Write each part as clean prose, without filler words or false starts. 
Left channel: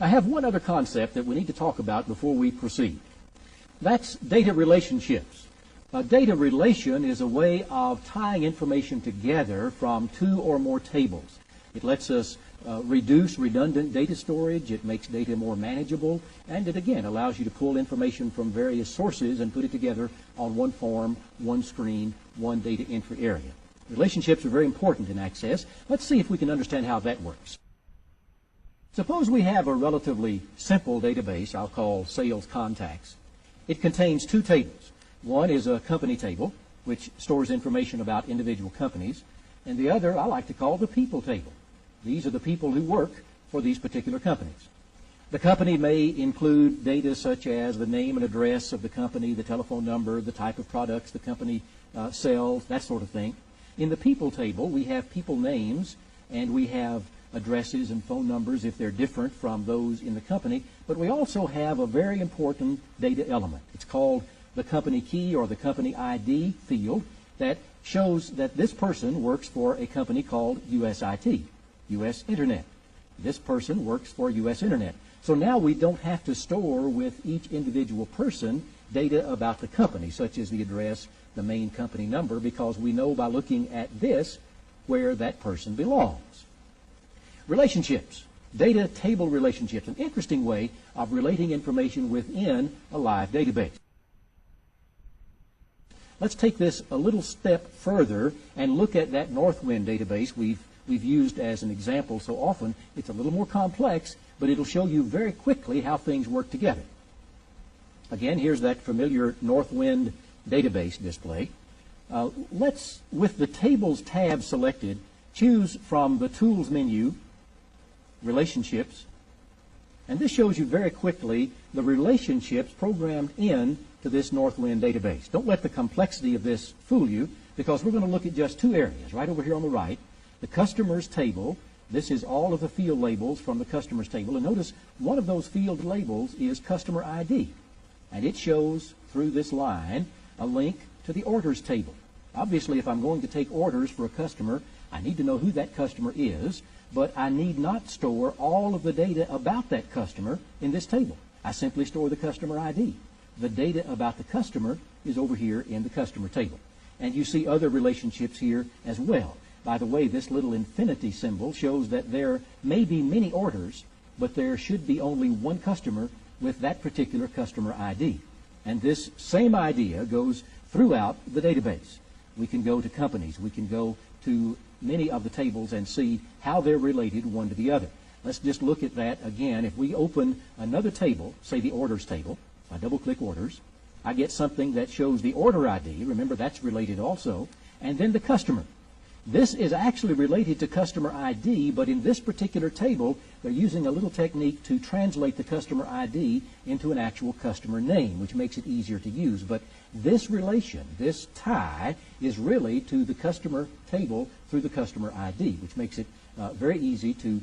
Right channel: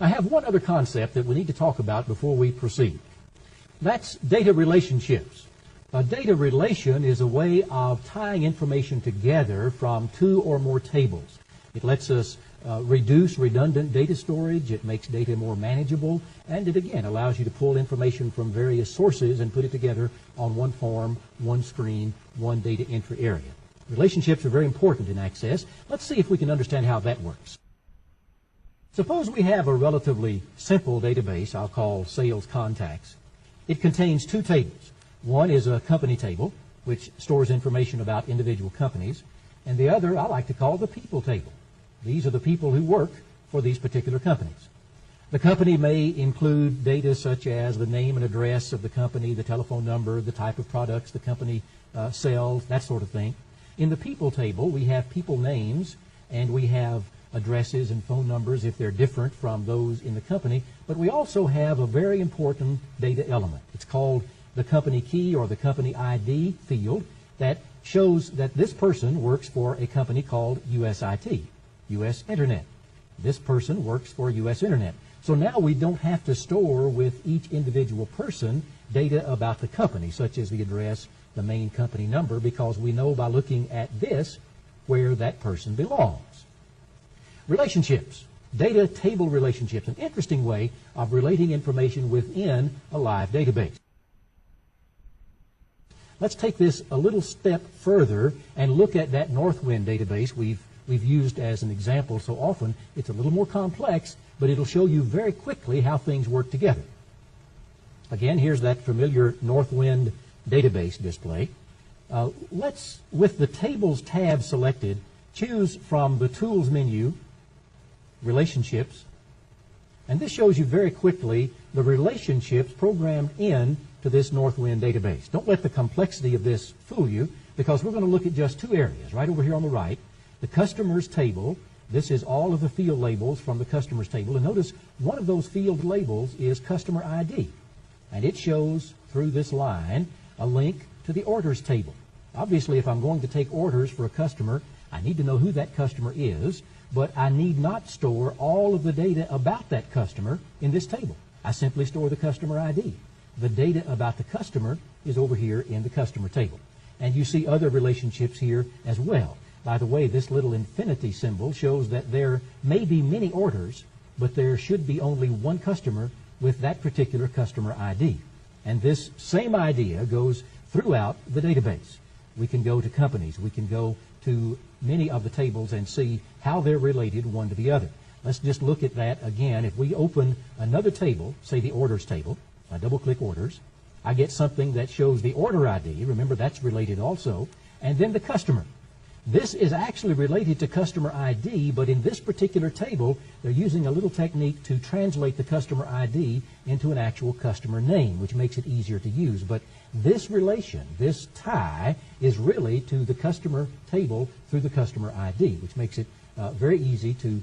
I have one other concept that we need to talk about before we proceed. That's data relationships. A data relation is a way of tying information together from two or more tables. It lets us reduce redundant data storage, it makes data more manageable, and it again allows you to pull information from various sources and put it together on one form, one screen, one data entry area. Relationships are very important in Access. Let's see if we can understand how that works. Suppose we have a relatively simple database I'll call Sales Contacts. It contains two tables. One is a company table, which stores information about individual companies, and the other I like to call the people table. These are the people who work for these particular companies. The company may include data such as the name and address of the company, the telephone number, the type of products the company sells, that sort of thing. In the people table, we have people names, and we have addresses and phone numbers if they're different from those in the company, but we also have a very important data element. It's called the company key or the company ID field that shows that this person works for a company called USIT, US Internet. This person works for US Internet. So now we don't have to store with each individual person data about the company, such as the address, the main company number, because we know by looking at this where that person belongs. Relationships, data table relationships, an interesting way of relating information within a live database. Let's take this a little step further and look at that Northwind database we've used as an example so often. It's a little more complex, but it'll show you very quickly how things work together. Again, here's that familiar Northwind database display. Let's, with the Tables tab selected, choose from the Tools menu, Relationships, and this shows you very quickly the relationships programmed in to this Northwind database. Don't let the complexity of this fool you, because we're going to look at just two areas. Right over here on the right, the Customers table. This is all of the field labels from the Customers table, and notice one of those field labels is Customer ID, and it shows through this line a link to the Orders table. Obviously, if I'm going to take orders for a customer, I need to know who that customer is, but I need not store all of the data about that customer in this table. I simply store the customer ID. The data about the customer is over here in the customer table. And you see other relationships here as well. By the way, this little infinity symbol shows that there may be many orders, but there should be only one customer with that particular customer ID. And this same idea goes throughout the database. We can go to companies. We can go to many of the tables and see how they're related one to the other. Let's just look at that again. If we open another table, say the Orders table, I double-click Orders, I get something that shows the order ID. Remember, that's related also. And then the customer. This is actually related to customer ID, but in this particular table, they're using a little technique to translate the customer ID into an actual customer name, which makes it easier to use. But this relation, this tie, is really to the customer table through the customer ID, which makes it very easy to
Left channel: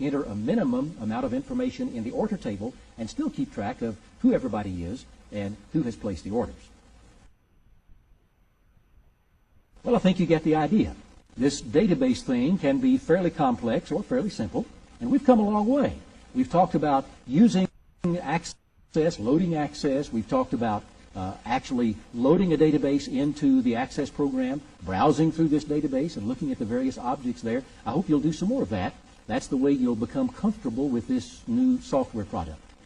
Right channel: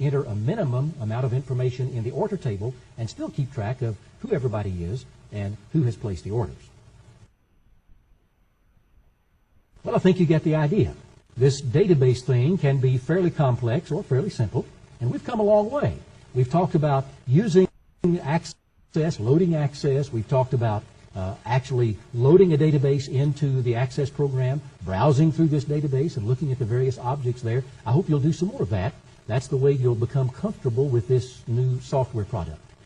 enter a minimum amount of information in the order table and still keep track of who everybody is and who has placed the orders. Well, I think you get the idea. This database thing can be fairly complex or fairly simple, and we've come a long way. We've talked about using Access, loading Access. We've talked about actually loading a database into the Access program, browsing through this database and looking at the various objects there. I hope you'll do some more of that. That's the way you'll become comfortable with this new software product.